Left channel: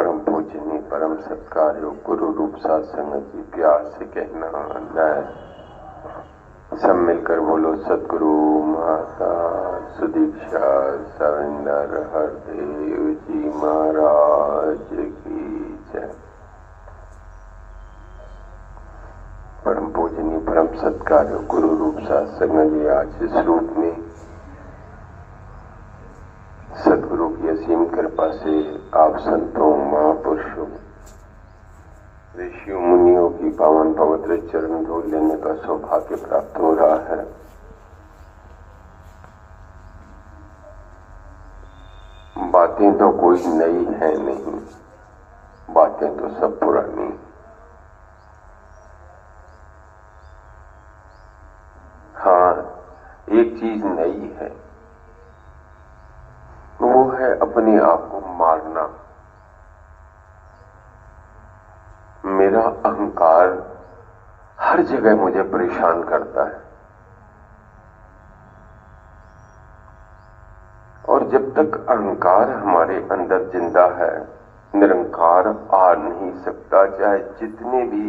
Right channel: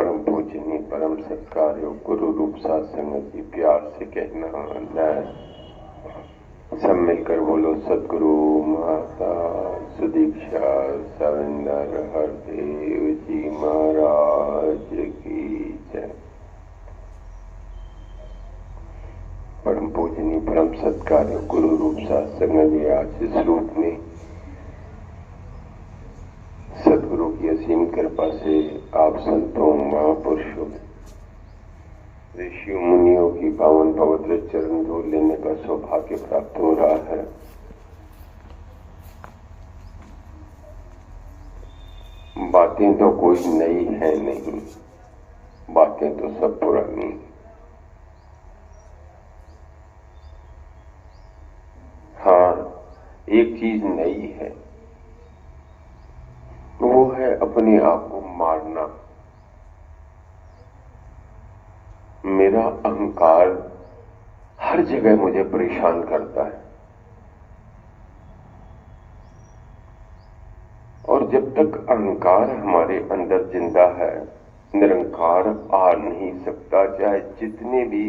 परम पूजनीय परम सत्कार्य गुरु रूप साथ संगत जी प्यार से कहना सब मिलकर बोलो सदगुरु माता सुदीक्षा सविंदर हरदेव जी महाराज की जय। परम पूजनीय परम सत्कार्य गुरु रूप साथ संगत जी आज इस रूप में सदगुरु की असीम कृपा से आप संतों महापुरुषों ऋषियों मुनियों की पावन पवित्र चरण धूल लेने का सौभाग्य प्राप्त हो रहा है। बातें तो कोई नई है नहीं, बातें तो सब पुरानी। हाँ, एक चीज नई है, वो है अपने आप को मारना। मेरा अहंकार हर जगह मुझे परेशान करता है और जब तक अहंकार हमारे अंदर जिंदा है निरंकार आ नहीं सकता। चाहे जितने भी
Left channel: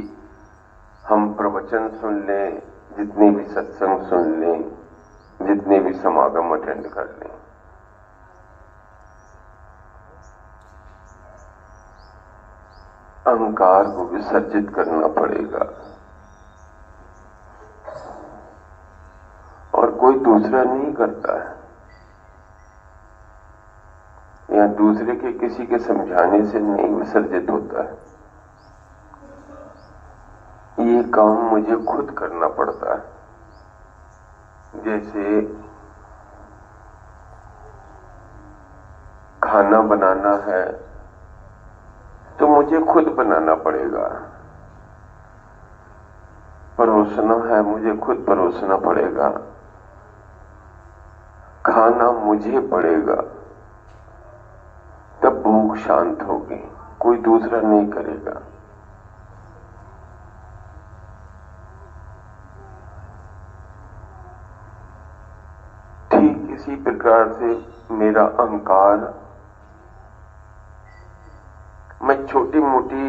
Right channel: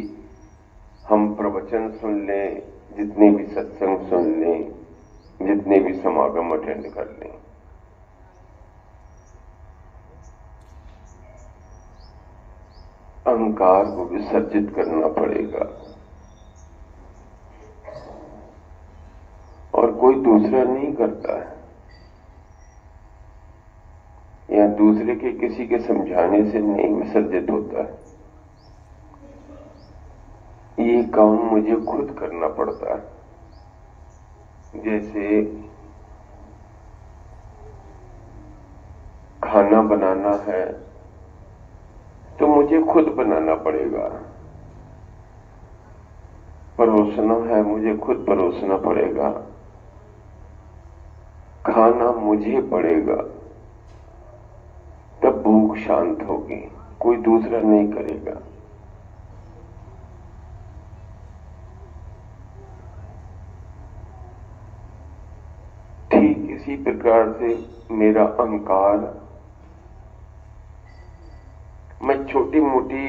हम प्रवचन सुन लें, जितने भी सत्संग सुन लें, जितने भी समागम अटेंड कर लें, अहंकार को विसर्जित करना पड़ेगा। और कोई दूसरा नहीं करता है या दूसरे के किसी के समझाने से नहीं विसर्जित होता है। ये काम मुझे खुद करना पड़ता है। जैसे खाना बनाना है तो मुझे खुद बनाना पड़ेगा, परोसना है मुझे खुद परोसना पड़ेगा, खाना मुझे पड़ेगा, तब भूख शांत होगी, कोई दूसरा नहीं करेगा। ठीक इसी प्रकार से मेरा अहंकार, मैं छोटी मोटी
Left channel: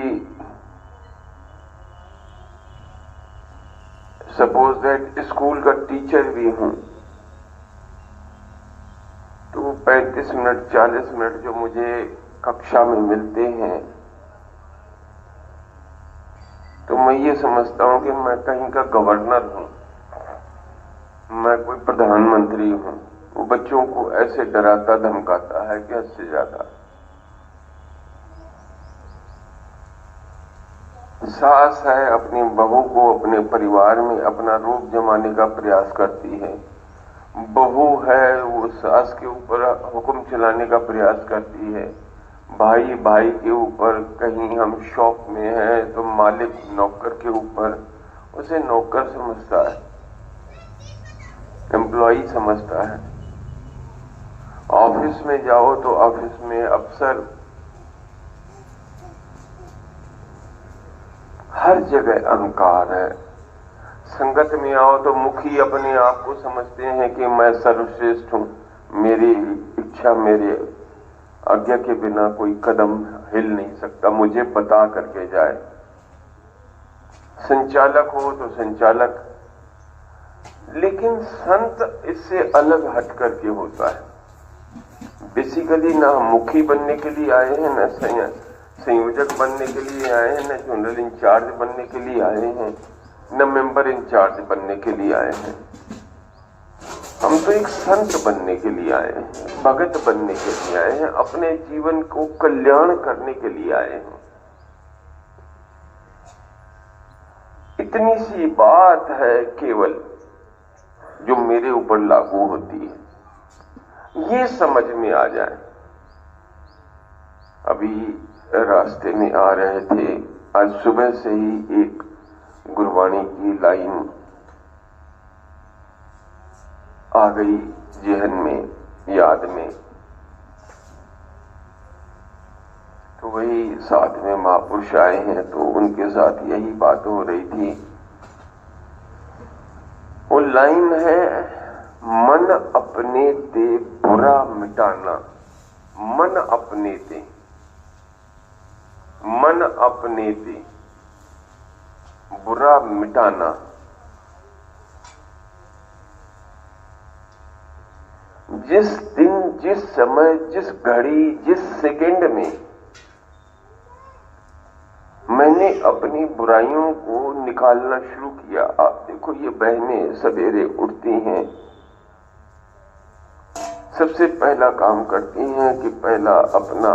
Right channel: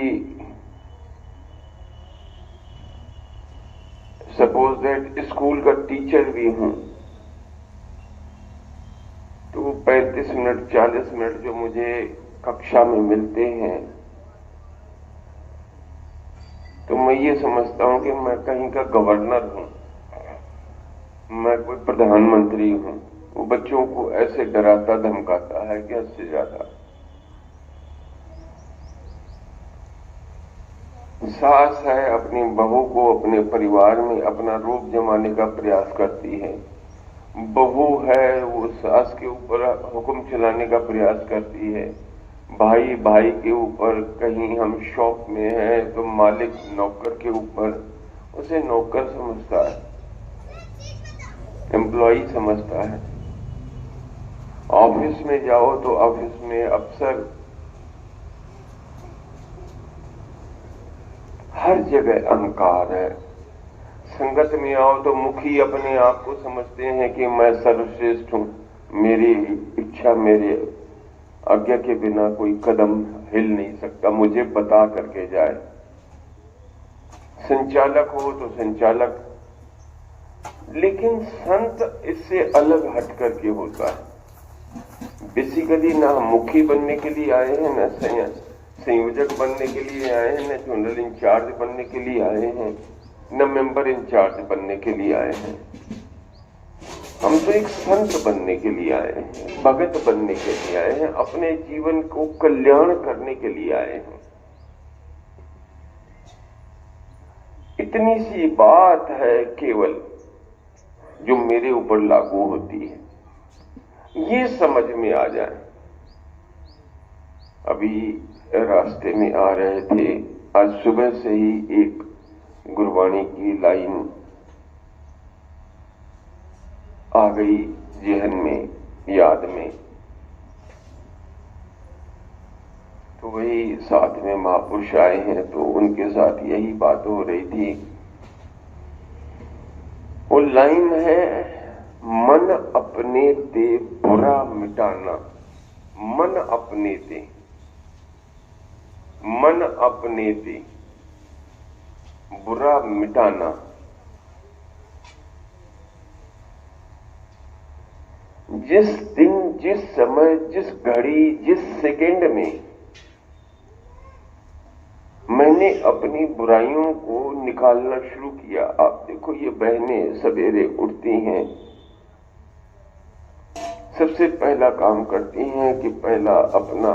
सपोज दैट स्कूल का टीचर भी हूं तो 35 मिनट 40 मिनट जो मुझे कक्षा में मिलते हैं तो मैं ये समझता हूं कि मैं कहीं का गवर्नर हूं, मैं कोई प्रधानमंत्री हूं। वो बच्चों को ऐसे डराता धमकाता है कि हद से ज्यादा। सास है अपनी बहू को अपने परिवार में अपना रूप जमाने का प्रयास करती है, बहू है वो सास के ऊपर हुक्म चलाने का प्रयास करती है, भाई भाई के ऊपर, कहीं हम शॉप में हैं तो मालिक नौकर के ऊपर उसे नौकर समझता है, एम्प्लॉई समझता है। ऑफिस में जाओ तो ऑफिस में अफसर, हर जगह अहंकार है। संगत में आओ तो मुखी अपने आप को समझते हैं कि मैं सर्वश्रेष्ठ हूं, मेरी इच्छा मेरे आज्ञा के बिना कोई कदम हिल नहीं सकता, मुझे बता करके जाए। संचालक हो तो संचालक, लेकिन संत इससे अलग हट करके होता है। बेसिकली ना मुखी बनने के लिए आए हैं, ना संयोजक बनने के लिए आए हैं, न जनरल इंचार्ज बनने के लिए आए हैं, न मेंबर इंचार्ज बनने के लिए आए हैं। हम तो एक संत बनने के लिए आए हैं, भगत बनने के लिए आए हैं, अपने जीवन को कल्याण करने के लिए आए हैं। इतनी सी बात है केवल जो मेरे ऊपर लागू होती है, ये समझ में आ जाए। अभी रास्ते में आ रहे थे, आज सुबह से ही एक गुरबाणी की लाइन आ गई जहन में, याद में। तो वही साथ में महापुरुष आए हैं तो उनके साथ यही बात हो रही थी। वो लाइन है, मन अपने दे बुरा मिटाना, मन अपने दे। मन अपने दे, बुरा मिटाना। जिस दिन, जिस समय, जिस घड़ी, जिस सेकंड में मैंने अपनी बुराइयों को निकालना शुरू किया। आप देखो, ये बहनें सवेरे उठती हैं, सबसे पहला काम करती हैं कि पहला अपना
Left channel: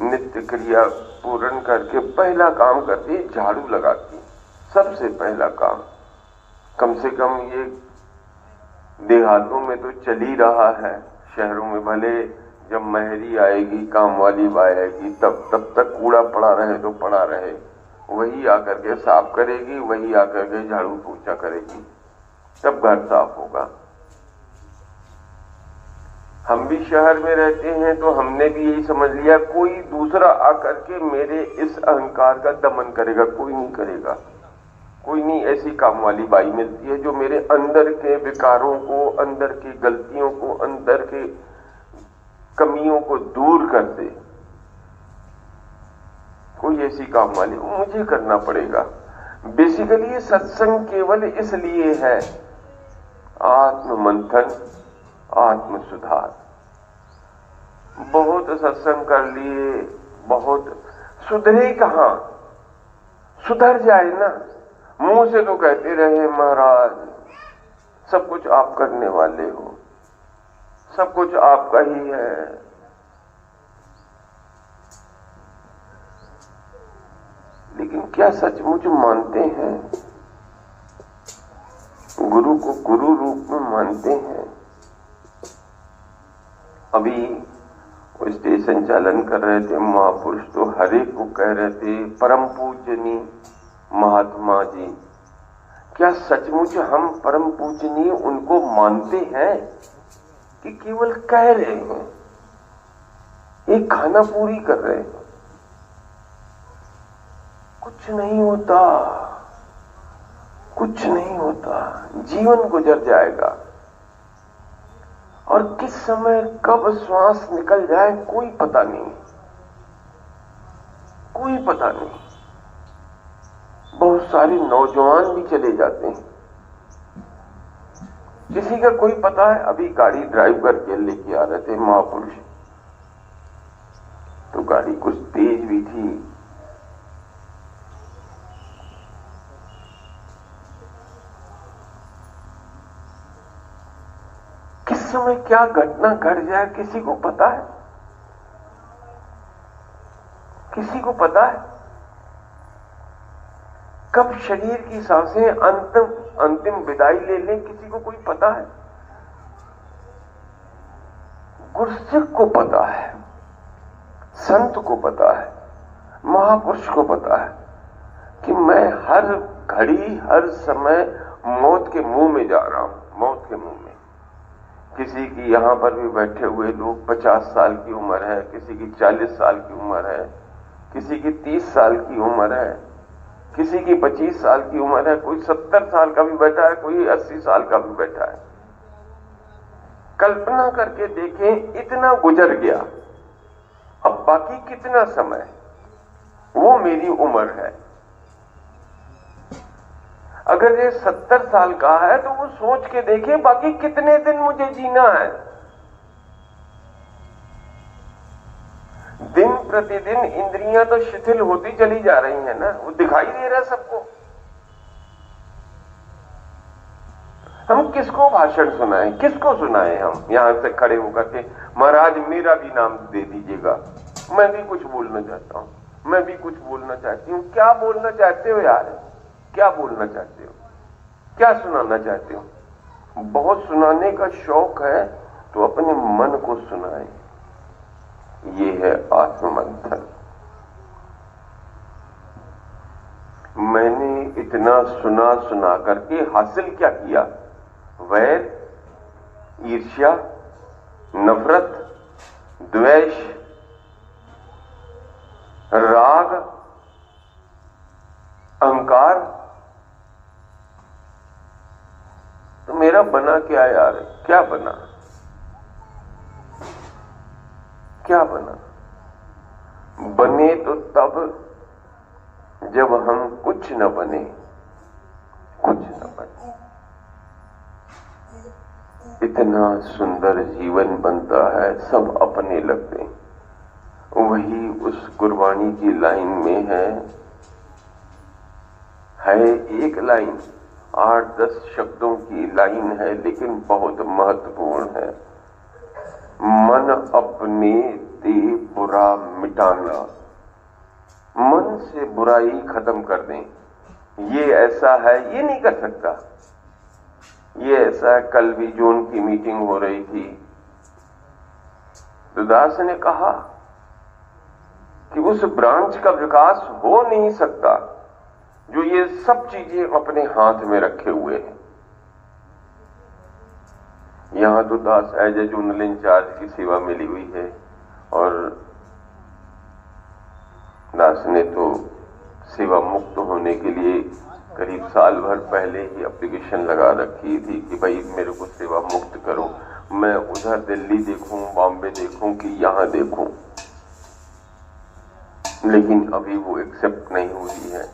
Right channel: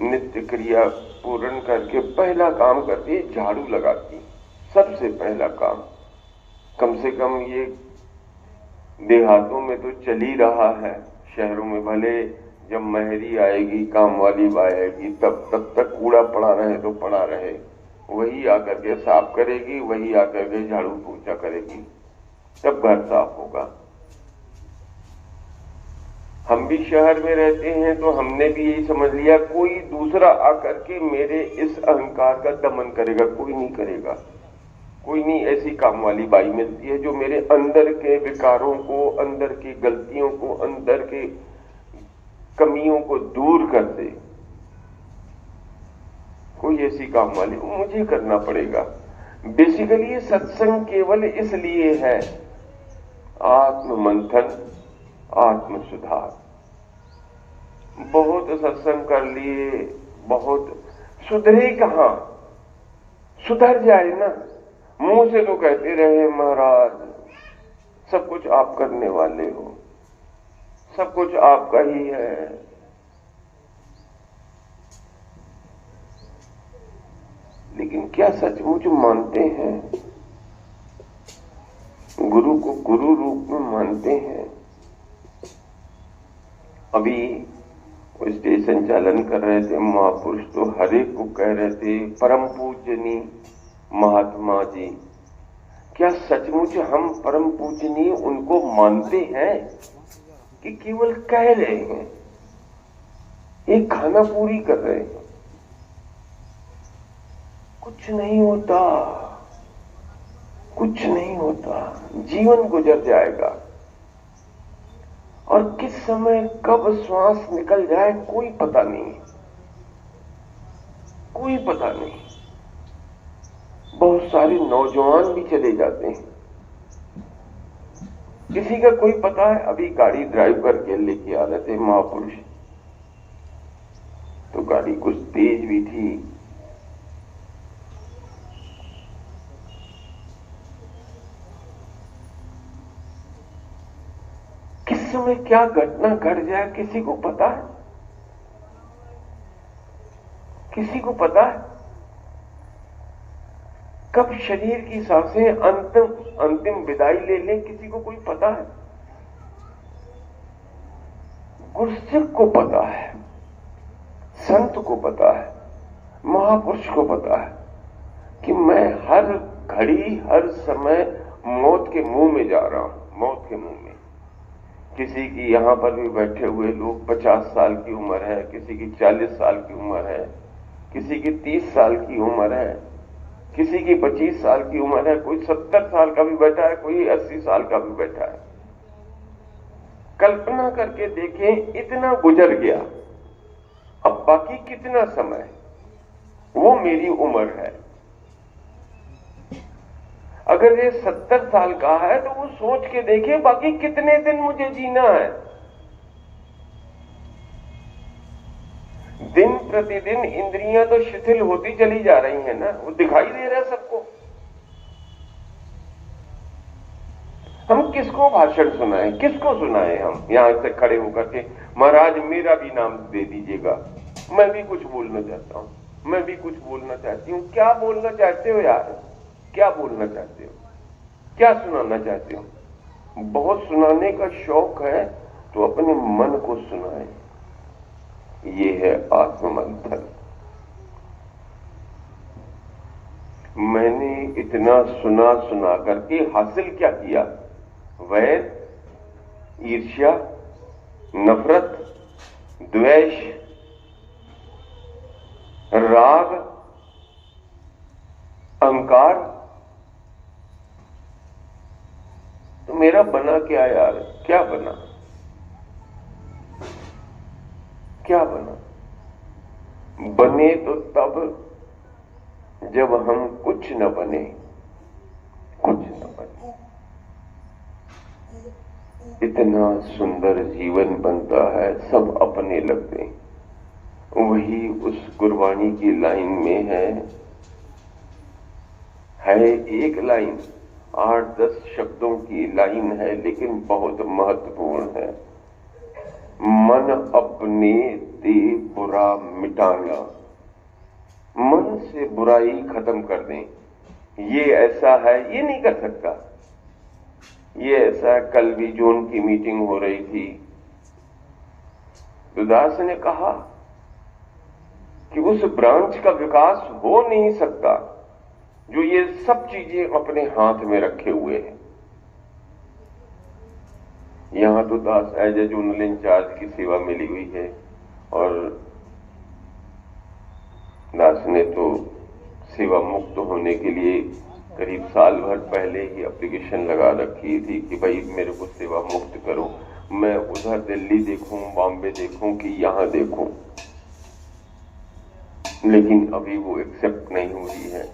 नित्य क्रिया पूर्ण करके पहला काम करती है झाड़ू लगाती। सबसे पहला काम, कम से कम ये देहातों में तो चल ही रहा है, शहरों में भले जब महरी आएगी, काम वाली आएगी, तब तक कूड़ा पड़ा रहे तो पड़ा रहे, वही आकर के साफ करेगी, वही आकर के झाड़ू पोछा करेगी, तब घर साफ होगा। हम भी शहर में रहते हैं तो हमने भी यही समझ लिया, कोई दूसरा आकर के मेरे इस अहंकार का दमन करेगा, कोई नहीं करेगा। कोई नहीं ऐसी काम वाली बाई मिलती है जो मेरे अंदर के विकारों को, अंदर की गलतियों को, अंदर के कमियों को दूर कर दे। कोई ऐसी काम वाली मुझे करना पड़ेगा। बेसिकली ये सत्संग केवल इसलिए है, आत्म मंथन, आत्म सुधार। बहुत सत्संग कर लिए, बहुत सुधरे कहां? सुधर जाए ना। मुंह से तो कहते रहे महाराज सब कुछ आप करने वाले हो, सब कुछ आपका ही है, लेकिन क्या सचमुच मानते हैं? गुरु को गुरु रूप में मानते हैं? अभी वो स्टेशन चालन कर रहे थे, महापुरुष तो हर एक को कह रहे थे परम पूजनी महात्मा जी। क्या सचमुच हम परम पूजनीय उनको मानते हैं कि केवल कह रहे हैं, एक खाना पूरी कर रहे हैं? कुछ नहीं होता, कुछ नहीं होता, जीवन गुजर जाएगा और किस समय कब श्वास निकल जाए कोई पता नहीं, कोई पता नहीं। बहुत सारे नौजवान भी चले जाते हैं, किसी का कोई पता है? अभी गाड़ी ड्राइव करके लेके आ रहे थे महापुरुष, तो गाड़ी कुछ तेज भी थी, किस समय क्या घटना घट जाए किसी को पता है? किसी को पता है? कब शरीर की सांसें अंतिम विदाई ले लें किसी को कोई पता है? गुरसिक को पता है, संत को पता है, महापुरुष को पता है कि मैं हर घड़ी हर समय मौत के मुंह में जा रहा हूं, मौत के मुंह में। किसी की यहां पर भी बैठे हुए लोग 50 साल की उम्र है, किसी की 40 साल की उम्र है, किसी की 30 साल की उम्र है, किसी की 25 साल की उम्र है, कोई 70 साल का भी बैठा है, कोई 80 साल का भी बैठा है। कल्पना करके देखें, इतना गुजर गया, अब बाकी कितना समय? वो मेरी उम्र है। अगर ये 70 साल का है तो वो सोच के देखें बाकी कितने दिन मुझे जीना है। दिन प्रतिदिन इंद्रियां तो शिथिल होती चली जा रही हैं ना, वो दिखाई दे रहा है सबको। हम किसको भाषण सुनाएं, किसको सुनाएं? हम यहां से खड़े होकर के महाराज मेरा भी नाम दे दीजिएगा, मैं भी कुछ बोलना चाहता हूं, मैं भी कुछ बोलना चाहती हूं। क्या बोलना चाहते हो यार? क्या बोलना चाहते हो? क्या सुनाना चाहते हो? बहुत सुनाने का शौक है तो अपने मन को सुनाएं। ये है आत्ममंथन। मैंने इतना सुना करके हासिल क्या किया? वैर, ईर्ष्या, नफरत, द्वेष, राग, अहंकार। तो मेरा बना क्या यार? क्या बना? क्या बना? बने तो तब जब हम कुछ न बने, कुछ न बने। इतना सुंदर जीवन बनता है, सब अपने लगते हैं। वही उस गुरबाणी की लाइन में है एक लाइन, 8-10 शब्दों की लाइन है, लेकिन बहुत महत्वपूर्ण है। मन अपने ते बुरा मिटाना, मन से बुराई खत्म कर दें। ये ऐसा है, ये नहीं कर सकता, ये ऐसा है। कल भी जून की मीटिंग हो रही थी, तो दास ने कहा कि उस ब्रांच का विकास हो नहीं सकता जो ये सब चीजें अपने हाथ में रखे हुए हैं। यहां तो दास एज ए जोनल इंचार्ज की सेवा मिली हुई है, और दास ने तो सेवा मुक्त होने के लिए करीब साल भर पहले ही एप्लीकेशन लगा रखी थी कि भाई मेरे को सेवा मुक्त करो। मैं उधर दिल्ली देखूं, बॉम्बे देखूं कि यहां देखूं, लेकिन अभी वो एक्सेप्ट नहीं हुई है।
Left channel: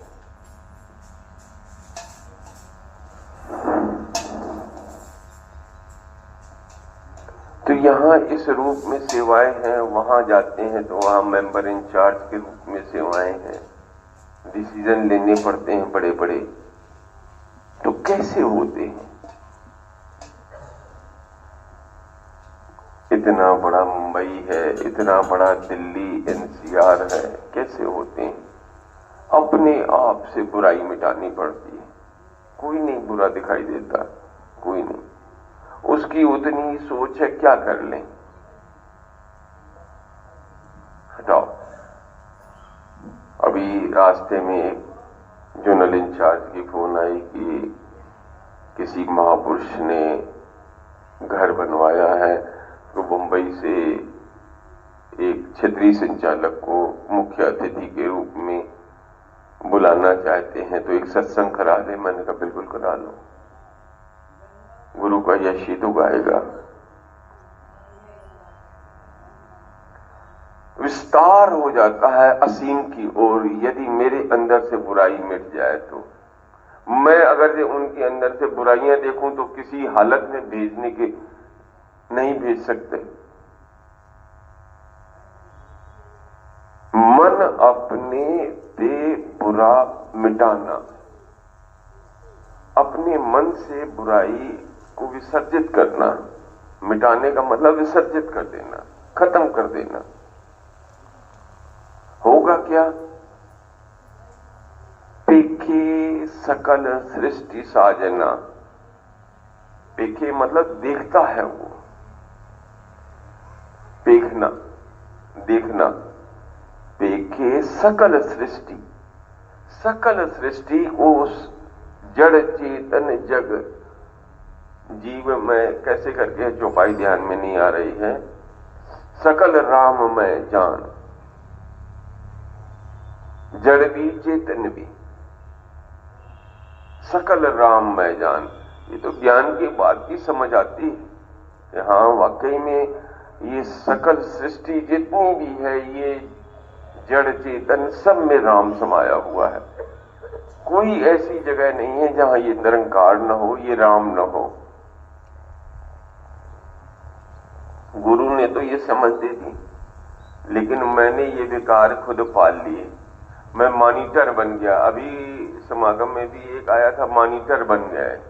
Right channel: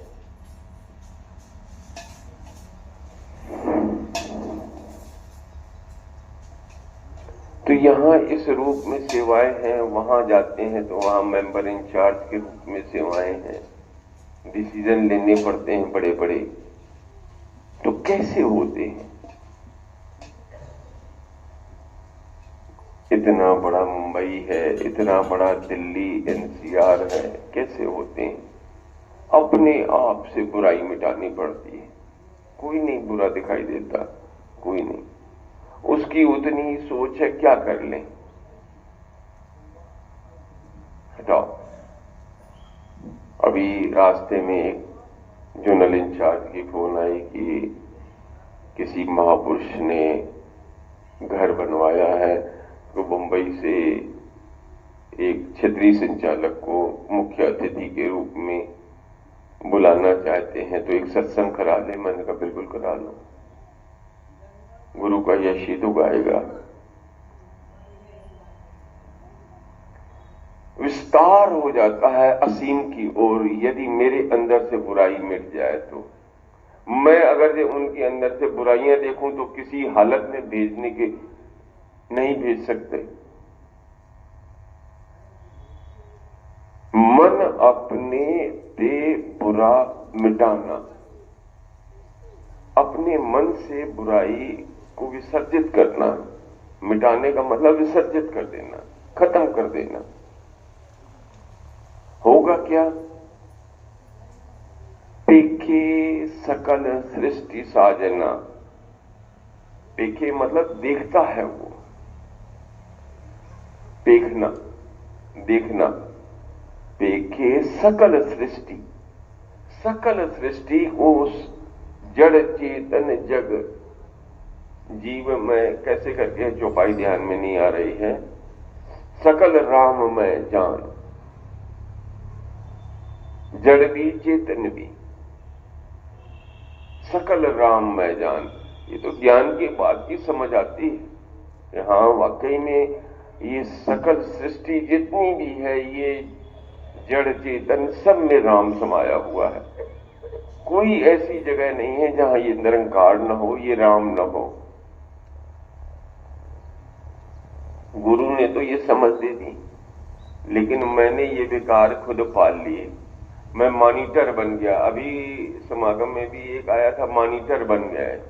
तो यहां इस रूप में सेवाएं हैं, वहां जाते हैं तो वहां मेंबर इंचार्ज के रूप में सेवाएं हैं, डिसीजन लेने पड़ते हैं बड़े बड़े। तो कैसे होते हैं? इतना बड़ा मुंबई है, इतना बड़ा दिल्ली एनसीआर है, कैसे होते हैं? अपने आप से बुराई मिटानी पड़ती है। कोई नहीं बुरा दिखाई देता, कोई नहीं। उसकी उतनी ही सोच है, क्या कर लें, हटाओ। अभी रास्ते में जोनल इंचार्ज की फोन आई कि किसी महापुरुष ने घर बनवाया है, तो मुंबई से एक क्षेत्रीय संचालक को मुख्य अतिथि के रूप में बुलाना चाहते हैं, तो एक सत्संग करा ले। मैंने कहा बिल्कुल करा लो, गुरु का यश ही तो गाएगा। विस्तार हो जाता है असीम की ओर, यदि मेरे अंदर से बुराई मिट जाए तो। मैं अगर उनके अंदर से बुराइयां देखूं तो किसी हालत में भेजने के नहीं भेज सकते। मन अपने ते बुरा मिटाना, अपने मन से बुराई को विसर्जित करना। मिटाने का मतलब विसर्जित कर देना, खत्म कर देना। होगा क्या? पेखे सकल सृष्टि साजना। पेखे मतलब देखता है वो, देखना, देखना। पेखे सकल सृष्टि, सकल सृष्टि को उस जड़ चेतन जग जीव में कैसे करके चौपाई ध्यान में नहीं आ रही है। सकल राम में जान, जड़ भी चेतन भी, सकल राम में जान। ये तो ज्ञान की बात की समझ आती है कि हाँ वाकई में ये सकल सृष्टि जितनी भी है, ये जड़ चेतन सब में राम समाया हुआ है। कोई ऐसी जगह नहीं है जहां ये निरंकार न हो, ये राम न हो। गुरु ने तो ये समझ दे दी, लेकिन मैंने ये विकार खुद पाल लिए। मैं मॉनिटर बन गया। अभी समागम में भी एक आया था, मॉनिटर बन गया है,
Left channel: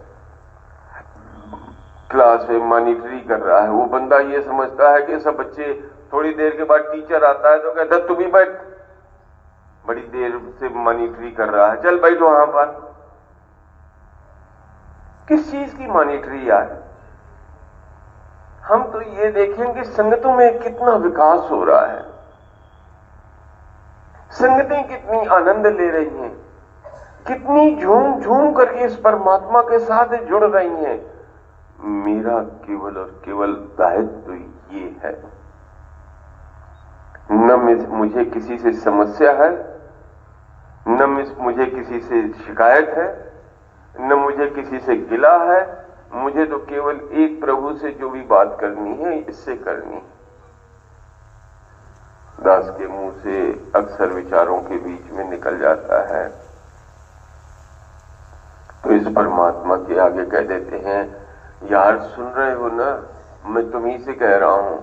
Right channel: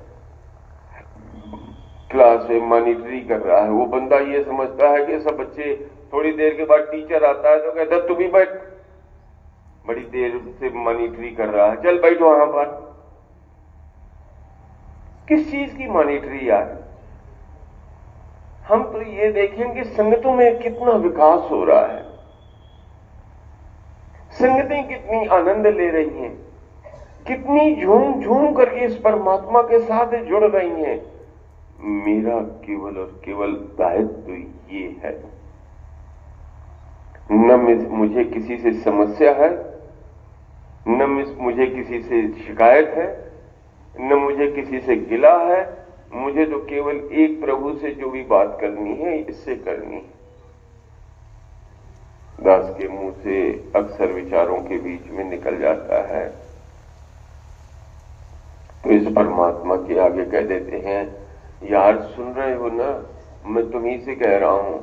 क्लास में मॉनिटरी कर रहा है। वो बंदा ये समझता है कि सब बच्चे, थोड़ी देर के बाद टीचर आता है तो कहता तू भी बैठ। बड़ी देर से मॉनिटरी कर रहा है, चल बैठो वहां पर। किस चीज की मॉनिटरी यार? हम तो ये देखें कि संगतों में कितना विकास हो रहा है, संगतें कितनी आनंद ले रही हैं, कितनी झूम झूम करके इस परमात्मा के साथ जुड़ रही हैं। मेरा केवल और केवल दायित्व तो ये है, न मुझे किसी से समस्या है, न मुझे किसी से शिकायत है, न मुझे किसी से गिला है। मुझे तो केवल एक प्रभु से जो भी बात करनी है, इससे करनी है। दास के मुंह से अक्सर विचारों के बीच में निकल जाता है, तो इस परमात्मा के आगे कह देते हैं, यार सुन रहे हो ना, मैं तुम्ही से कह रहा हूं।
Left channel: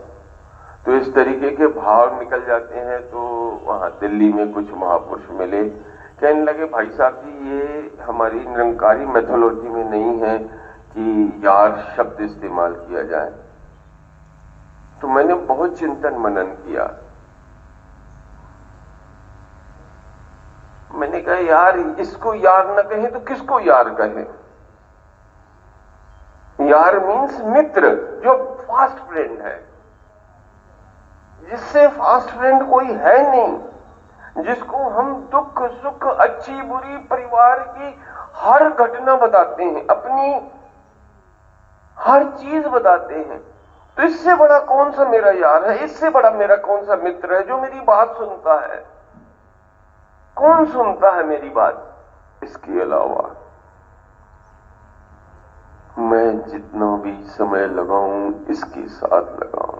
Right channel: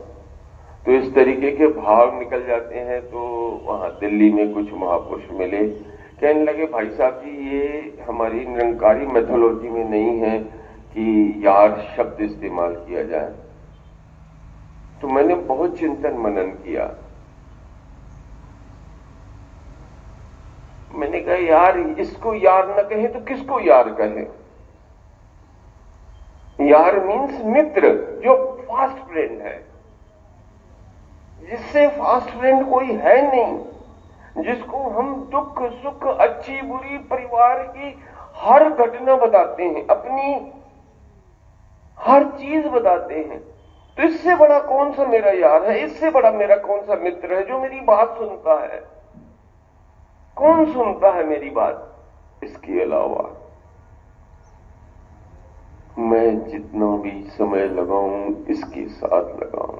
तो इस तरीके के भाव निकल जाते हैं। तो वहां दिल्ली में कुछ महापुरुष मिले, कहने लगे भाई साहब जी, ये हमारी निरंकारी मैथोलॉजी में नहीं है कि यार शब्द इस्तेमाल किया जाए। तो मैंने बहुत चिंतन मनन किया। मैंने कहा यार इसको यार न कहे तो किसको यार कहे? यार मीन्स मित्र, जो फास्ट फ्रेंड है, जिससे फास्ट फ्रेंड कोई है नहीं, जिसको हम दुख सुख अच्छी बुरी परिवार की हर घटना बताते हैं, अपनी हर चीज बताते हैं। तो इससे बड़ा कौन सा मेरा यार है, इससे बड़ा मेरा कौन सा मित्र है जो मेरी बात सुनता है? कौन सुनता है मेरी बात? इसके अलावा मैं जितना भी समय लगाऊं इसके साथ लगाऊं,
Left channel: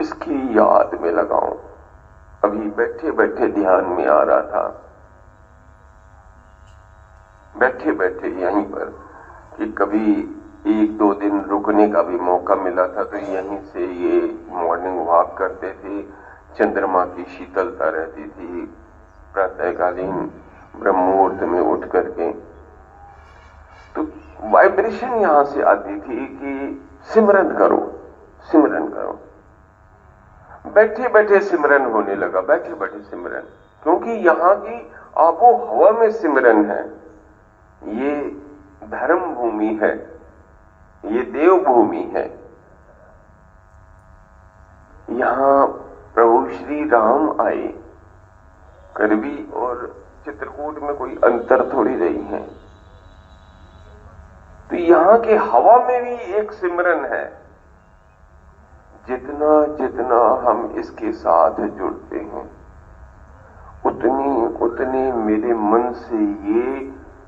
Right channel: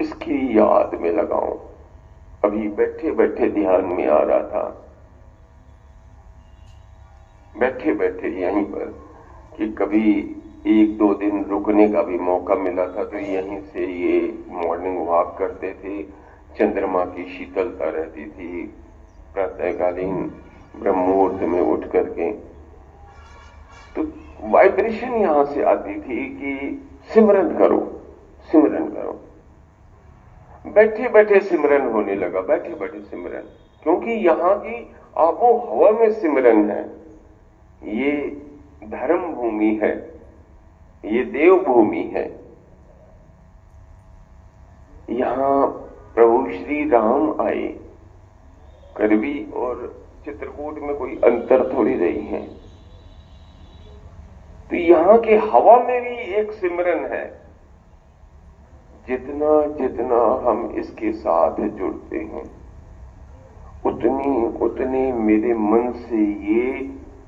इसकी याद में लगाऊं। अभी बैठे बैठे ध्यान में आ रहा था, बैठे बैठे यहीं पर, कि कभी एक दो दिन रुकने का भी मौका मिला था, तो यहीं से ये मॉर्निंग वॉक करते थे। चंद्रमा की शीतलता रहती थी, प्रातःकालीन ब्रह्म मुहूर्त में उठ करके तो वाइब्रेशन यहां से आती थी कि सिमरन करो, सिमरन करो। बैठे बैठे सिमरन होने लगा, बैठे बैठे सिमरन, क्योंकि यहां की आबो हवा में सिमरन है। ये धर्म भूमि है, ये देव भूमि है। यहां प्रभु श्री राम आए, करवी और चित्रकूट में कोई अंतर थोड़ी नहीं है। तो यहां के हवा में भी एक सिमरन है। जितना जितना हम इसके साथ जुड़ते हैं, उतनी उतनी मेरे मन से ये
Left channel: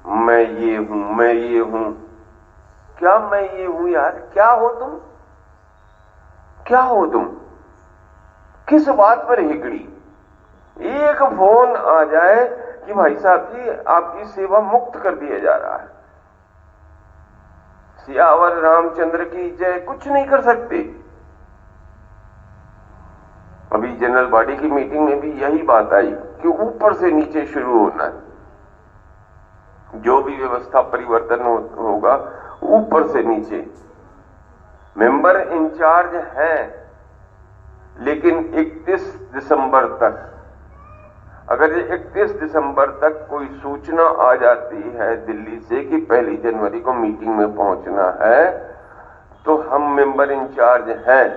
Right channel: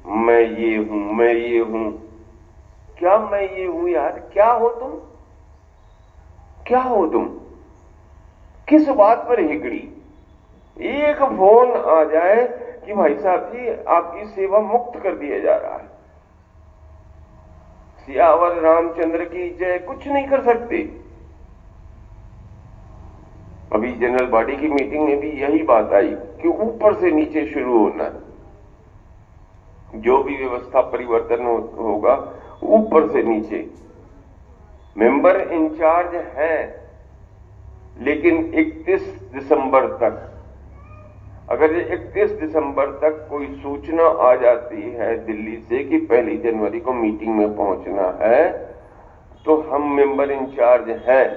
मैं ये हूं, मैं ये हूं। क्या मैं ये हूं यार? क्या हो तुम? क्या हो तुम? किस बात पर हिगड़ी? एक फोन आ जाए कि भाई साहब जी आपकी सेवा मुक्त कर दिया जा रहा है, सियावर रामचंद्र की जय, कुछ नहीं कर सकते। अभी जनरल बॉडी की मीटिंग में भी यही बात आई कि ऊपर से नीचे शुरू होना है। जो भी व्यवस्था परिवर्तन होगा ऊपर से नीचे। मेंबर इंचार्ज है, लेकिन 31 दिसंबर तक, अगर 31 दिसंबर तक कोई सूचना आ जाती है दिल्ली से कि 1 जनवरी को मीटिंग में पहुंचना है, तो हम मेंबर इंचार्ज हैं,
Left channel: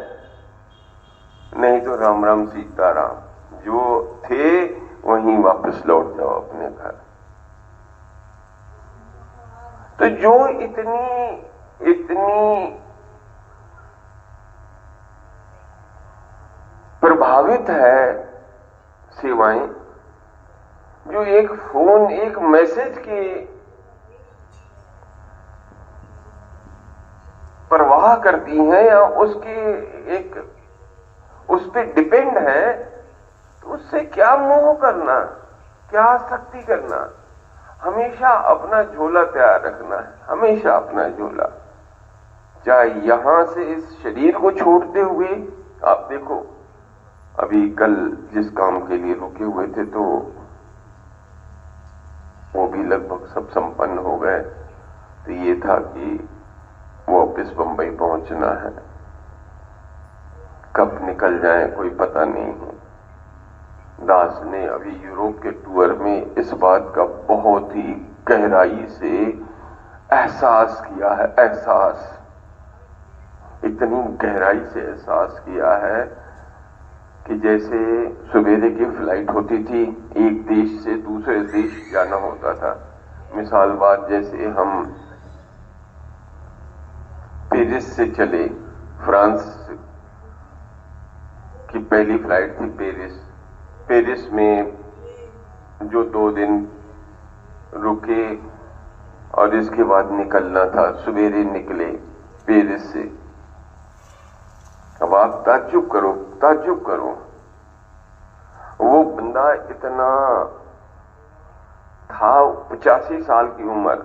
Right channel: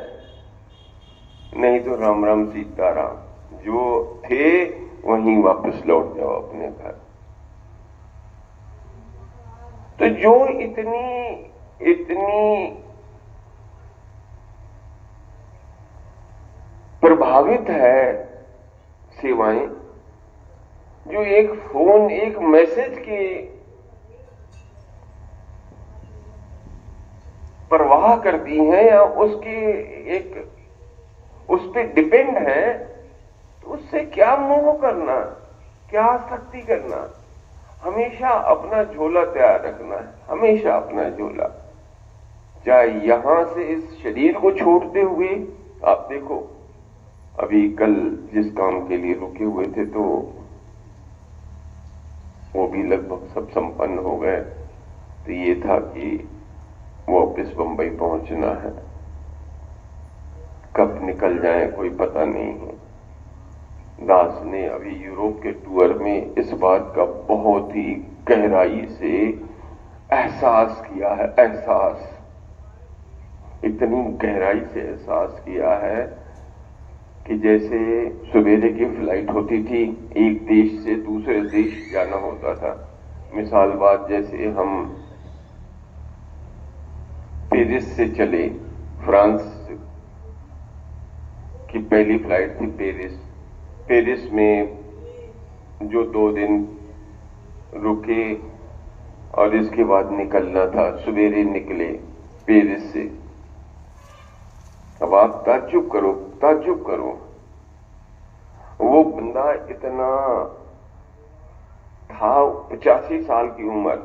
नहीं तो राम राम सीताराम, जो थे वहीं वापस लौट जाओ अपने घर। तो जो इतनी इतनी प्रभावित है सेवाएं, जो एक फोन, एक मैसेज की परवाह करती हैं या उसकी एक उस पर डिपेंड है, तो उससे क्या मोह करना, क्या आसक्ति करना? हमेशा अपना झोला तैयार रखना है, हमेशा अपना झोला। चाहे यहां से इस शरीर को छोड़ते हुए, आप देखो अभी कल जिस काम के लिए रुके हुए थे तो वो भी लगभग सब संपन्न हो गए। तो ये था कि वापस बंबई पहुंचना है, कब निकल जाए कोई पता नहीं है। दास ने अभी यूरोप के टूर में इस बात का बहुत ही गहराई से एहसास किया है, एहसास, इतनी गहराई से एहसास किया है कि जैसे सवेरे की फ्लाइट होती थी, एक देश से दूसरे देश जाना होता था। मिसाल बात, जैसे हम पेरिस से चले, फ्रांस की पहली फ्लाइट थी पेरिस। पेरिस में जो 2 दिन रुके और इसके बाद निकलना था, सवेरे निकले पेरिस से। अब आप ताज्जुब करो, ताज्जुब करो, वो बंदा इतना था, 85 साल की उम्र,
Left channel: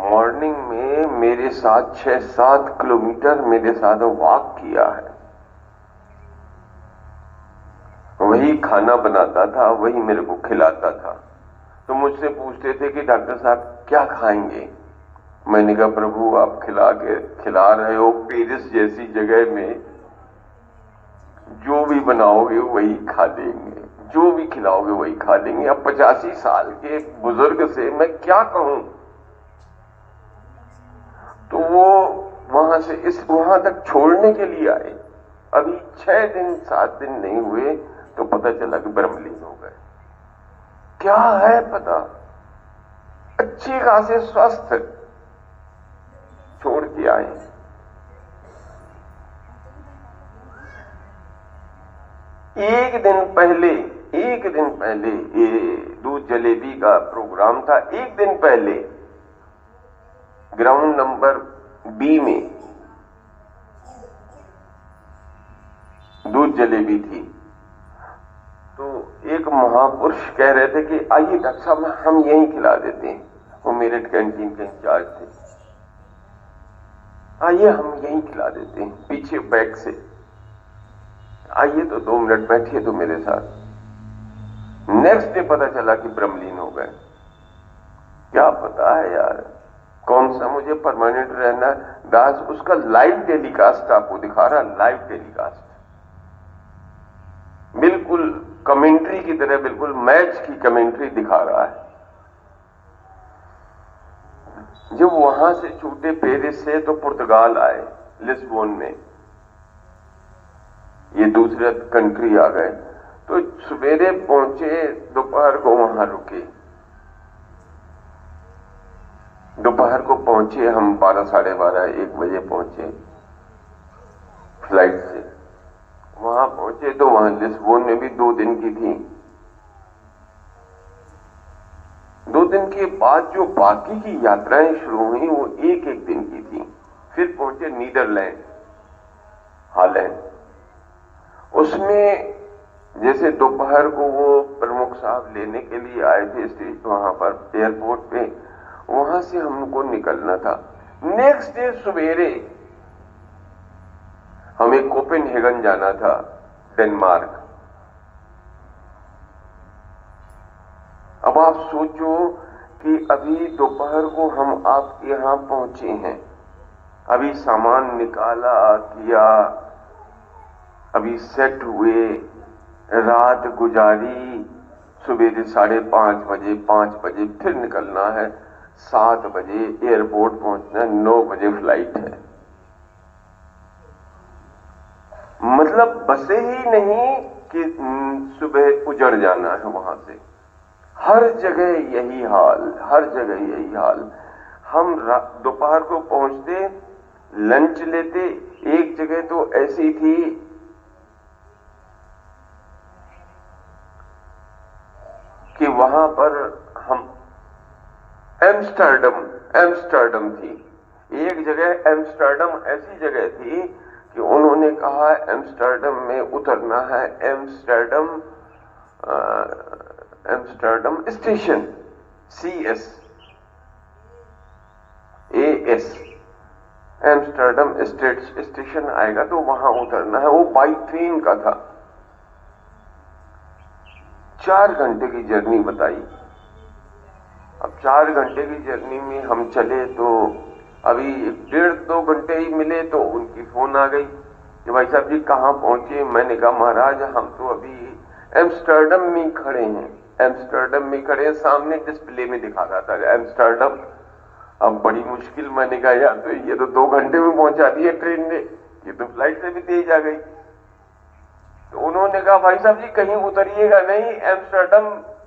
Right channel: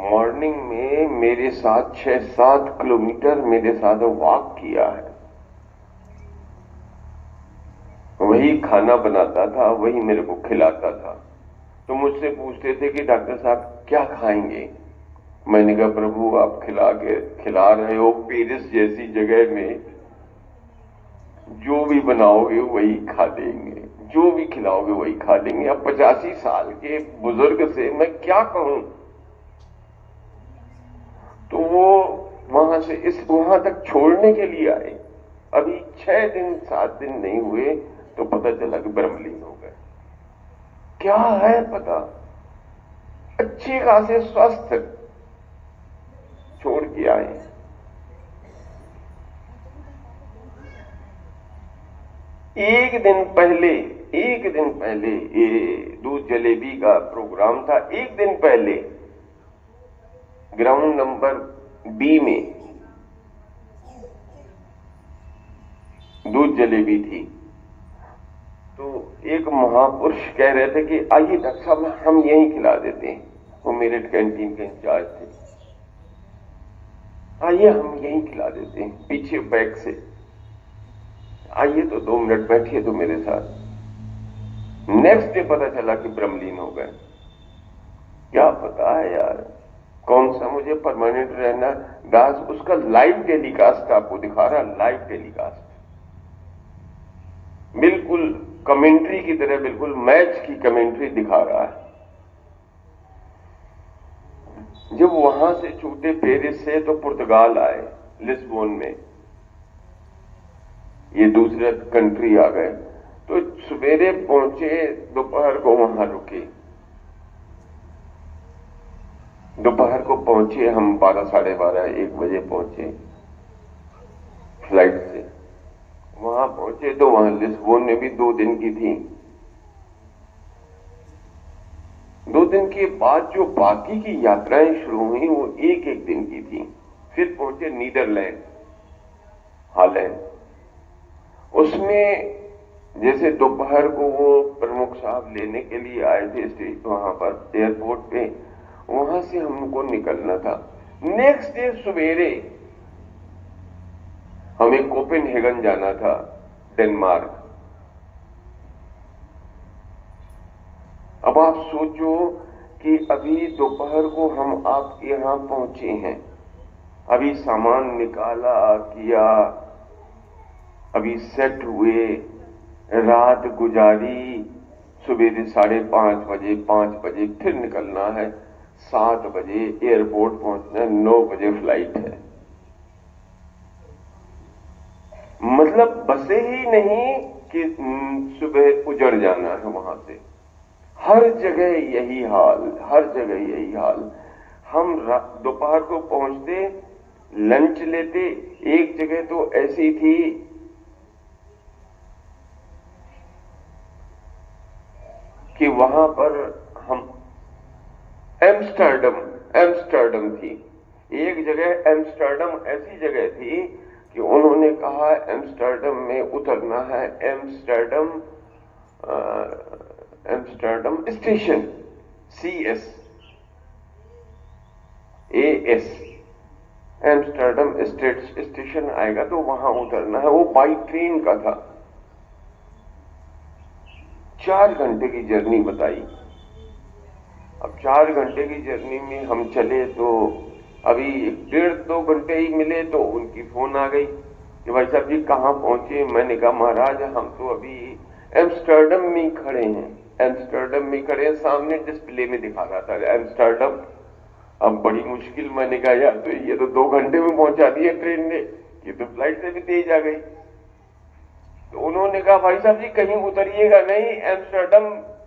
मॉर्निंग में मेरे साथ 6-7 किलोमीटर मेरे साथ वॉक किया है। वही खाना बनाता था, वही मेरे को खिलाता था। तो मुझसे पूछते थे कि डॉक्टर साहब क्या खाएंगे? मैंने कहा प्रभु आप खिला रहे हो पेरिस जैसी जगह में, जो भी बनाओगे वही खा लेंगे, जो भी खिलाओगे वही खा लेंगे। अब 85 साल के बुजुर्ग से मैं क्या कहूं? तो वो वहां तक छोड़ने के लिए आए। अभी 6 दिन 7 दिन नहीं हुए तो पता चला कि ब्रह्मलीन हो गए। क्या है पता, अच्छे खासे स्वस्थ छोड़ के आए। एक दिन पहले ये दूध जलेबी का प्रोग्राम था। एक दिन पहले ग्राउंड नंबर बी में दूध जलेबी थी। तो एक महापुरुष कह रहे थे कि आइए डॉक्टर साहब हम यहीं खिला देते हैं। वो मेरठ कैंटीन के इंचार्ज थे। आइए हम यहीं खिला देते हैं, पीछे बैक से आइए तो 2 मिनट बैठिए तो मेरे साथ। नेक्स्ट डे पता चला कि ब्रह्मलीन हो गए। क्या पता है यार कौन सा मुझे परमानेंट रहना। दास उसका लाइव टेलीकास्ट आपको दिखा रहा, लाइव टेलीकास्ट, बिल्कुल कमेंट्री की तरह, बिल्कुल मैच की कमेंट्री दिखा रहा है। जब वहां से छूटे पेरिस से तो पुर्तगाल आए, लिस्बोन में, ये दूसरे कंट्री आ गए। तो सवेरे पहुंचे, दोपहर को वहां रुके। दोपहर को पहुंचे हम 12, साढ़े 12, 1 बजे पहुंचे फ्लाइट से। वहां पहुंचे तो वहां लिस्बोन में भी 2 दिन की थी। 2 दिन के बाद जो बाकी की यात्राएं शुरू हुई वो 1-1 दिन की थी। फिर पहुंचे नीदरलैंड, हॉलैंड। उसमें जैसे दोपहर को वो प्रमुख साहब लेने के लिए आए थे स्टेज, वहां पर एयरपोर्ट पे, वहां से हमको निकलना था। नेक्स्ट डे सवेरे हमें कोपेनहेगन जाना था, डेनमार्क। अब आप सोचो कि अभी दोपहर को हम आपके यहां पहुंचे हैं, अभी सामान निकाला किया, अभी सेट हुए, रात गुजारी, सुबह 5:30 बजे 5 बजे फिर निकलना है, 7 बजे एयरपोर्ट पहुंचना है, 9 बजे फ्लाइट है। मतलब बसे ही नहीं कि सुबह उजड़ जाना है वहां से। हर जगह यही हाल, हर जगह यही हाल। हम दोपहर को पहुंचते, लंच लेते। एक जगह तो ऐसी थी कि वहां पर हम एम्स्टर्डम थी। एक जगह एम्स्टर्डम ऐसी जगह थी कि उन्होंने कहा एम्स्टर्डम में उतरना है, Amsterdam station, CS AS, Amsterdam station आएगा तो वहां उतरना है। वो बाई ट्रेन का था। 4 घंटे की जर्नी बताई। अब 4 घंटे की जर्नी में हम चले तो अभी 1.5-2 घंटे ही मिले तो उनकी फोन आ गई कि भाई साहब जी कहां पहुंचे। मैंने कहा महाराज हम तो अभी एम्स्टर्डम में खड़े हैं, एम्स्टर्डम में खड़े हैं। सामने डिस्प्ले में दिखा रहा था एम्स्टर्डम। अब बड़ी मुश्किल, मैंने कहा यार तो ये तो 2 घंटे में पहुंचा दिया ट्रेन ने, ये तो फ्लाइट से भी तेज आ गई। तो उन्होंने कहा भाई साहब जी कहीं उतरिएगा नहीं, एम्स्टर्डम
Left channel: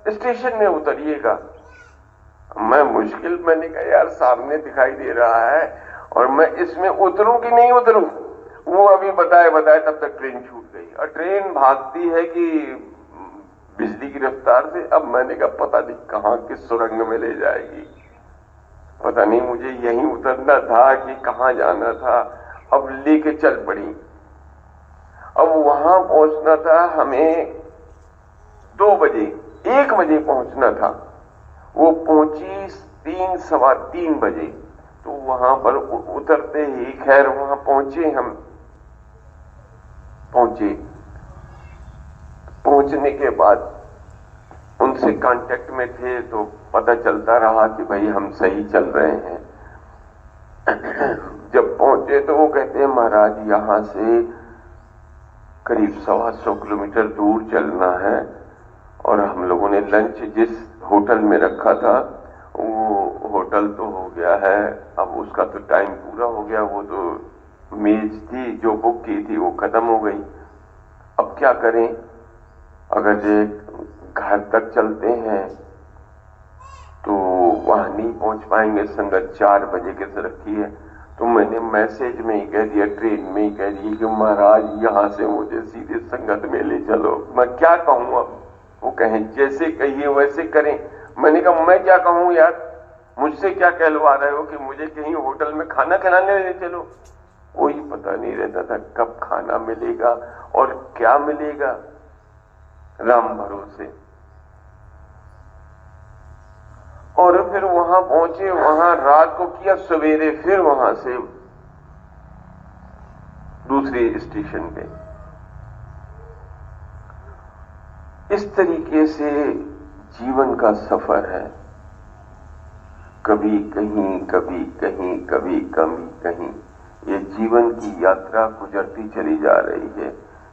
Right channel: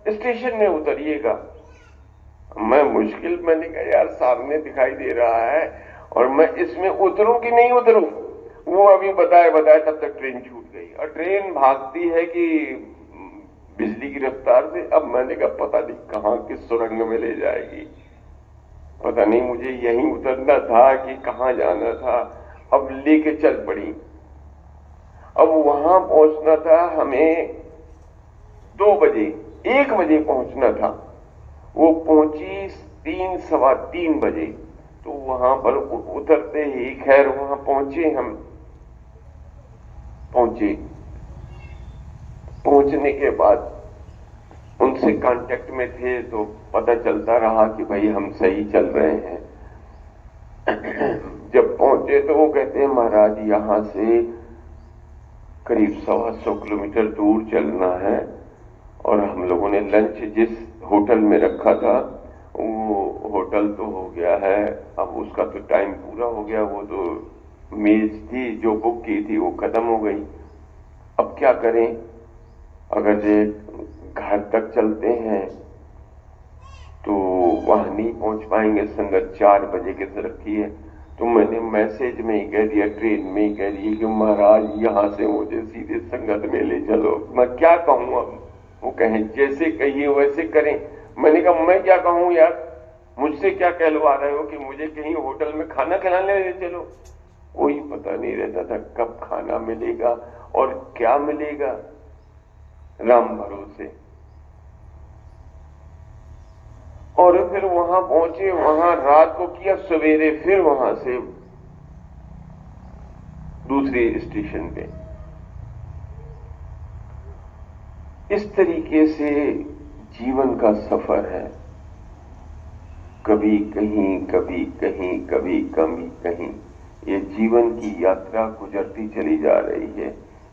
स्टेशन में उतरिएगा। मैं मुश्किल, मैंने कहा यार सामने दिखाई दे रहा है और मैं इसमें उतरूं कि नहीं उतरूं। वो अभी बताए तब तक ट्रेन छूट गई और ट्रेन भागती है कि बिजली की रफ्तार से। अब मैंने कहा पता नहीं कहां किस सुरंग में ले जाएगी, पता नहीं मुझे यहीं उतरना था कि कहां जाना था। अब लेके चल पड़ी। अब वहां पहुंचना था हमें बजे 1 बजे पहुंचना था, वो पहुंची 3 सवा 3 बजे। तो वहां पर उतरते ही खैर वहां पहुंचे, हम पहुंचने के बाद उनसे कांटेक्ट में थे तो पता चलता रहा कि भाई हम सही चल रहे हैं। जब पहुंचे तो वो कहते हैं महाराज यहां से करीब 125 किलोमीटर दूर चलना है, और हम लोगों ने लंच जिस होटल में रखा था वो होटल तो हो गया है, अब उसका तो टाइम पूरा हो गया, वो तो मेज थी जो बुक की थी वो खत्म हो गई। अब क्या करें, अगर जे घर तक चलते हैं तो वहां नहीं पहुंच पाएंगे, संगत 4 बजे के से रखी है। तो मैंने मैसेज में ही कह दिया, ट्रेन में ही कह दिया कि महाराज यहां से मुझे सीधे संगत में ले चलो। मैं क्या कहूं अब, वो कहें जैसे कहिए वैसे करें। मैंने कहा मैं क्या कहूं यार, मुझसे क्या कहलवा रहे हो कि मुझे कहीं होटल में खाना खिलाने ले चलो। कोई पता नहीं रहता था कब खाना मिलेगा और क्या मिलेगा, राम भरोसे। और फिर वहां पहुंचे, वहां रात को किया, सवेरे फिर वहां से दूसरे स्टेशन पे। इस तरीके से जीवन का सफर है, कभी कहीं कभी कहीं, कभी कहीं। ये जीवन की यात्रा गुजरती चली जा रही है,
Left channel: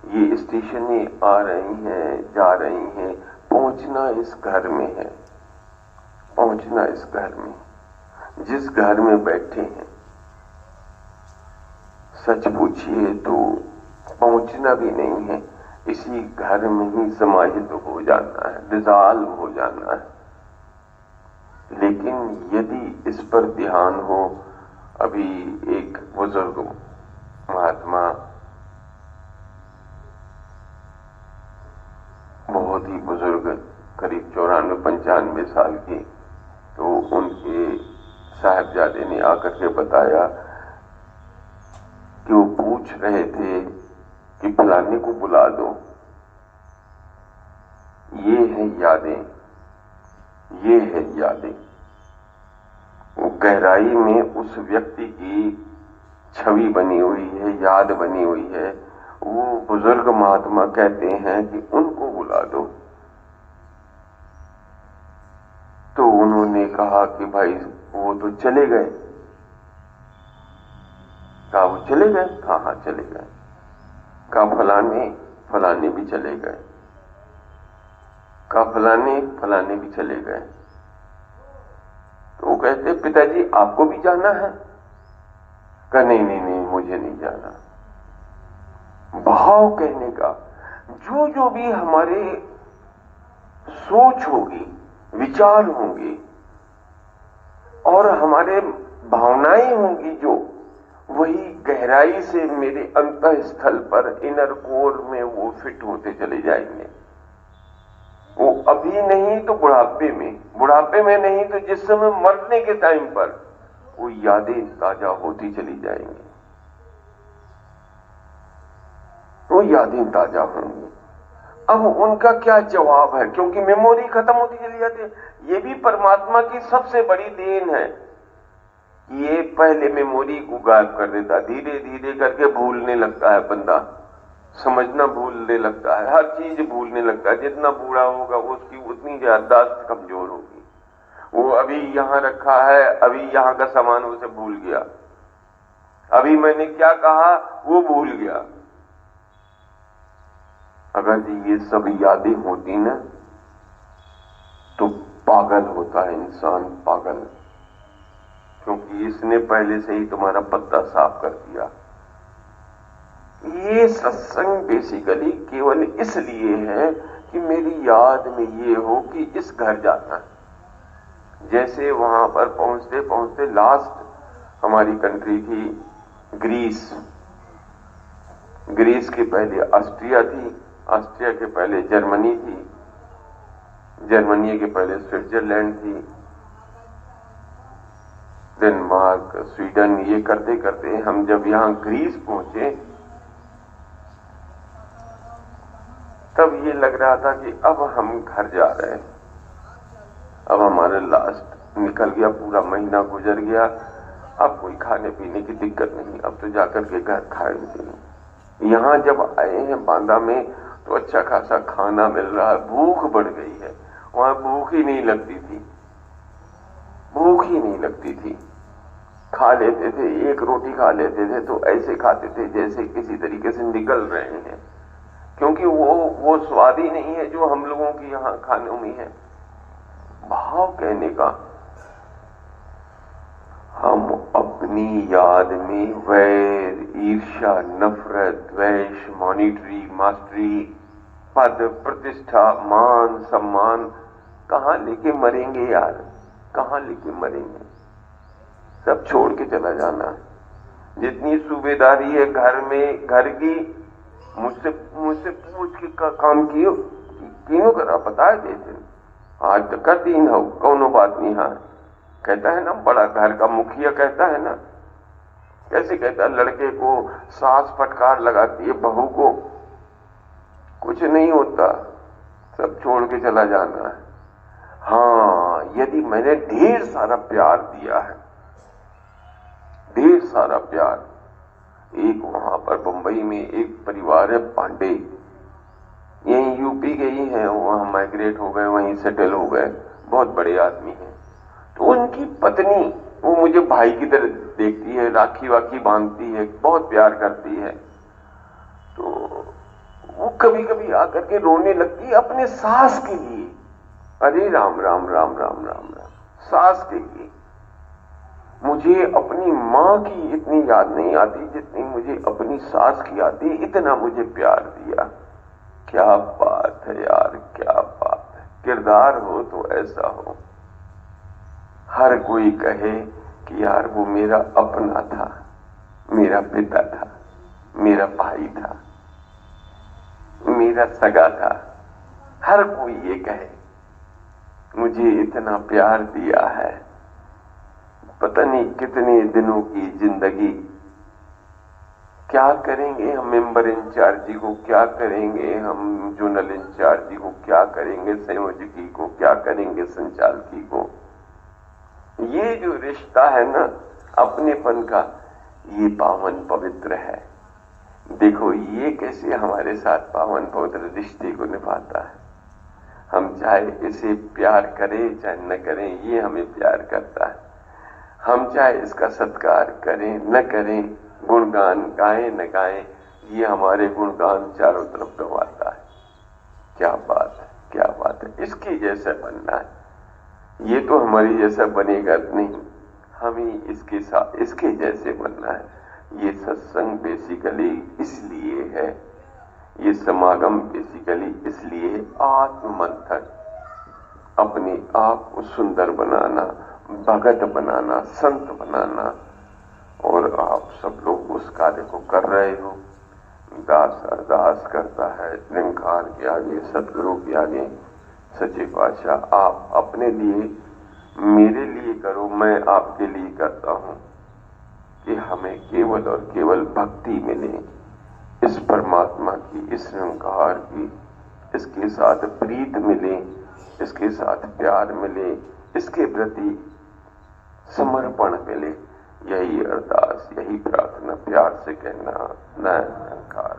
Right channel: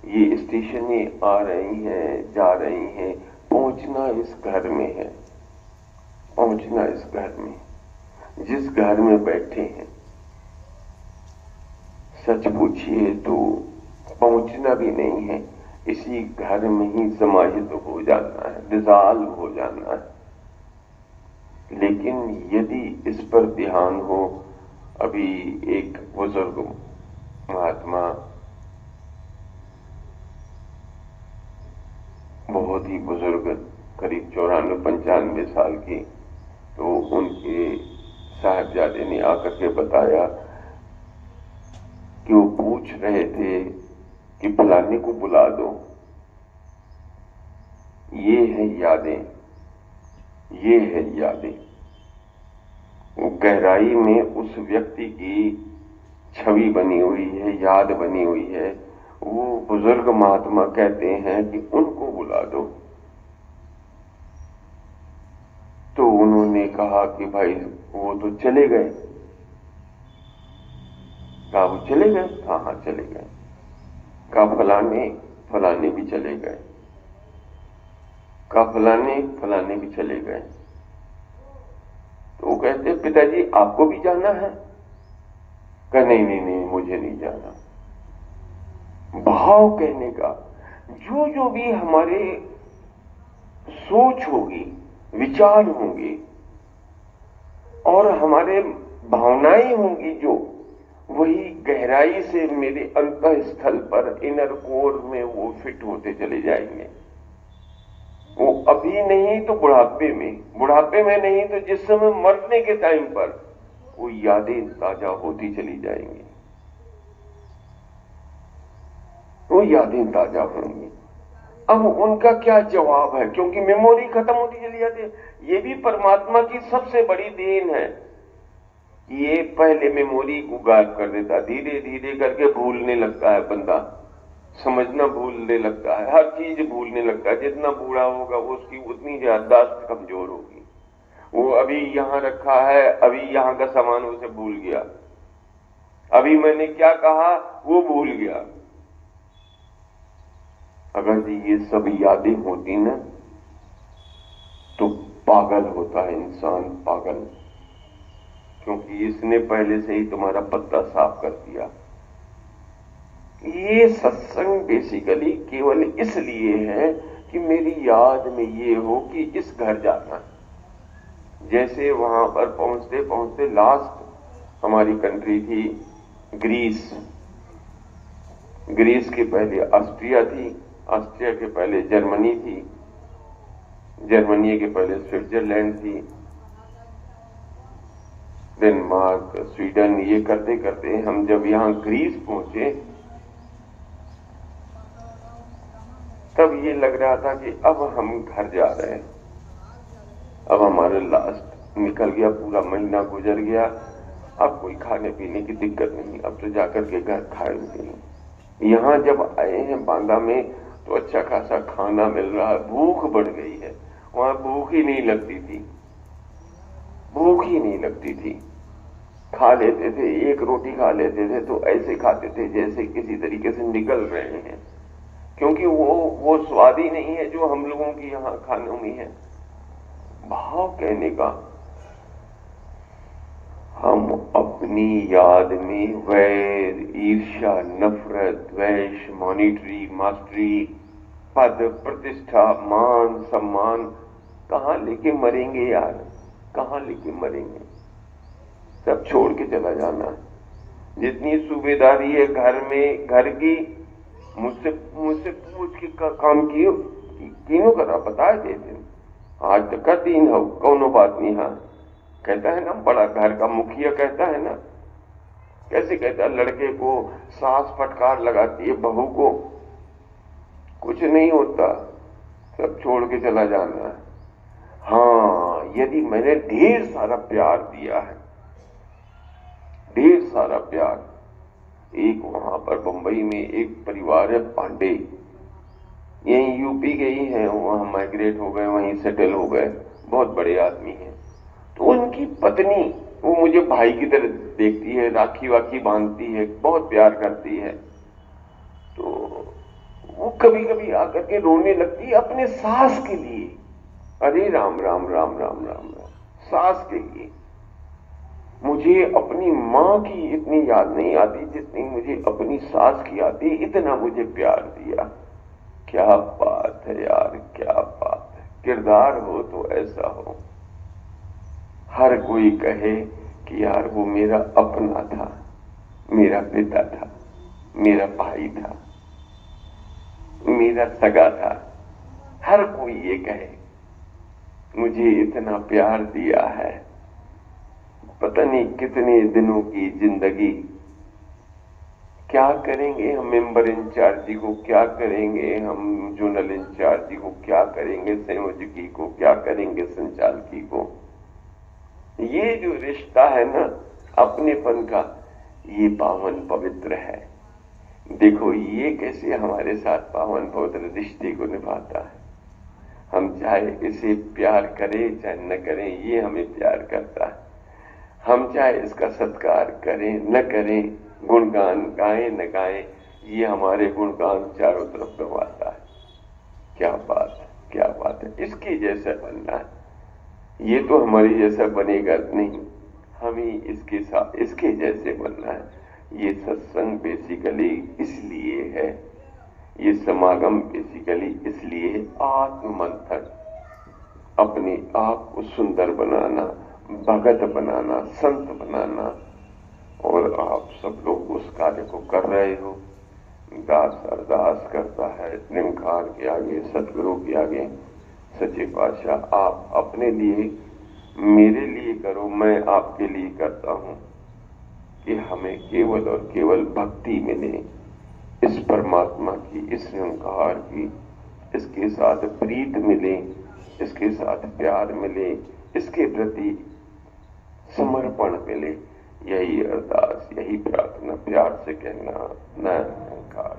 ये स्टेशनें आ रही हैं जा रही हैं। पहुंचना इस घर में है, पहुंचना इस घर में, जिस घर में बैठे हैं। सच पूछिए तो पहुंचना भी नहीं है, इसी घर में ही समाहित हो जाना है, डिसॉल्व हो जाना है। लेकिन यदि इस पर ध्यान हो, अभी एक बुजुर्ग महात्मा, बहुत ही बुजुर्ग, करीब 94-95 साल के, तो उनके साहबजादे ने आकर के बताया कि वो पूछ रहे थे कि फलाने को बुला दो। ये है यादें, ये है यादें। वो गहराई में उस व्यक्ति की छवि बनी हुई है, याद बनी हुई है। वो बुजुर्ग महात्मा कहते हैं कि उनको बुला दो। तो उन्होंने कहा कि भाई वो तो चले गए। कहा वो चले गए? कहा हाँ चले गए। कहा फलाने भी चले गए। कहा फलाने भी चले गए। तो वो कहते पिताजी आपको भी जाना है? कहा नहीं मुझे नहीं जाना। भाव कहने का, जो भी हमारे सोच होगी, विचार होंगे और हमारे भावनाएं होंगी, जो वही गहराई से मेरे अंतःस्थल पर, इनर कोर में वो फिट होते चले जाएंगे। वो अभी नहीं तो बुढ़ापे में नहीं तो जिस समय मरने के टाइम पर वो यादें ताजा होती चली जाएंगी, वो यादें ताजा होंगी। अब उनका क्या जवाब है, क्योंकि मेमोरी खत्म होती चली जाती है। ये भी परमात्मा की सबसे बड़ी देन है, ये पहले मेमोरी को गायब कर देता, धीरे धीरे करके भूलने लगता है बंदा, समझना भूलने लगता है, हर चीज भूलने लगता है। जितना बूढ़ा होगा उसकी उतनी याददाश्त कमजोर होगी। वो अभी यहां रखा है, अभी यहां का सामान उसे भूल गया, अभी मैंने क्या कहा वो भूल गया। अगर ये सब यादें होती ना तो पागल होता है इंसान, पागल, क्योंकि इसने पहले से ही तुम्हारा पत्ता साफ कर दिया। ये सत्संग बेसिकली केवल इसलिए है कि मेरी याद में ये हो कि इस घर जाना है। जैसे वहां पर पहुंचते पहुंचते लास्ट हमारी कंट्री थी ग्रीस, ग्रीस के पहले ऑस्ट्रिया थी, ऑस्ट्रिया के पहले जर्मनी थी, जर्मनी के पहले स्विट्जरलैंड थी, डेनमार्क, स्वीडन। ये करते करते हम जब यहां ग्रीस पहुंचे तब ये लग रहा था कि अब हम घर जा रहे हैं, अब हमारा लास्ट निकल गया, पूरा महीना गुजर गया, अब कोई खाने पीने की दिक्कत नहीं, अब तो जाकर के घर खाएंगे। यहां जब आए हैं बांदा में तो अच्छा खासा खाना मिल रहा है, भूख बढ़ गई है। वहां भूख ही नहीं लगती थी, भूख ही नहीं लगती थी। खा लेते थे, एक रोटी खा लेते थे तो ऐसे खाते थे जैसे किसी तरीके से निकल रहे हैं, क्योंकि वो स्वाद ही नहीं है जो हम लोगों की यहां खानों में है। भाव कहने का, हम अपनी याद में वैर, ईर्ष्या, नफरत, द्वेष, मॉनिटरी, मास्टरी, पद, प्रतिष्ठा, मान, सम्मान कहां लेके मरेंगे यार, कहां लेके मरेंगे? सब छोड़ के चला जाना। जितनी सूबेदारी है घर में, घर की, मुझसे पूछ के काम कियो, क्यों करा पता है? जैसे आज तक का दिन हो, कौनो बात नहीं। हाँ कहता है ना, बड़ा घर का मुखिया कहता है ना, कैसे कहता है, लड़के को सास फटकार लगाती है बहू को, कुछ नहीं होता, सब छोड़ के चला जाना है। हाँ, यदि मैंने ढेर सारा प्यार दिया है, ढेर सारा प्यार। एक वहां पर बंबई में एक परिवार है पांडे, यहीं यूपी के ही है, वहां माइग्रेट हो गए, वहीं सेटल हो गए, बहुत बड़े आदमी हैं। तो उनकी पत्नी, वो मुझे भाई की तरह देखती है, राखी वाखी बांधती है, बहुत प्यार करती है। तो वो कभी कभी आकर के रोने लगती है अपने सास के लिए। अरे राम राम राम राम राम राम, सास के लिए। मुझे अपनी मां की इतनी याद नहीं आती जितनी मुझे अपनी सास की आती, इतना मुझे प्यार दिया। क्या बात है यार, क्या बात है। किरदार हो तो ऐसा हो, हर कोई कहे कि यार वो मेरा अपना था, मेरा पिता था, मेरा भाई था, मेरा सगा था। हर कोई ये कहे, मुझे इतना प्यार दिया है। पता नहीं कितने दिनों की जिंदगी, क्या करेंगे हम मेंबर इंचार्जी को, क्या करेंगे हम जोनल इंचार्जी को, क्या करेंगे संयोजकी को, क्या करेंगे संचालकी को। ये जो रिश्ता है ना अपनेपन का, ये पावन पवित्र है। देखो ये कैसे हमारे साथ पावन पवित्र रिश्ते को निभाता है। हम चाहे इसे प्यार करें चाहे न करें, ये हमें प्यार करता है। हम चाहे इसका सत्कार करें न करें, गुणगान गाएं न गाएं, ये हमारे गुणगान चारों तरफ गवाता है। क्या बात है, क्या बात है। इसके जैसा बनना है। ये तो हमारे जैसा बनेगा नहीं, हमें इसके साथ इसके जैसे बनना है। ये सत्संग बेसिकली इसलिए है, ये समागम बेसिकली इसलिए है, आत्ममंथन, अपने आप को सुंदर बनाना, भगत बनाना, संत बनाना। और आप सब लोग उस कार्य को कर रहे हो। दास अरदास करता है निरंकार के आगे, सतगुरु के आगे, सच्चे पातशाह आप अपने लिए, मेरे लिए करो, मैं आपके लिए करता हूं कि हमें केवल और केवल भक्ति मिले, इस परमात्मा की, इस निरंकार की, इसके साथ प्रीत मिले, इसके साथ प्यार मिले, इसके प्रति समर्पण मिले। यही अरदास, यही प्रार्थना प्यार से कहना। निरंकार।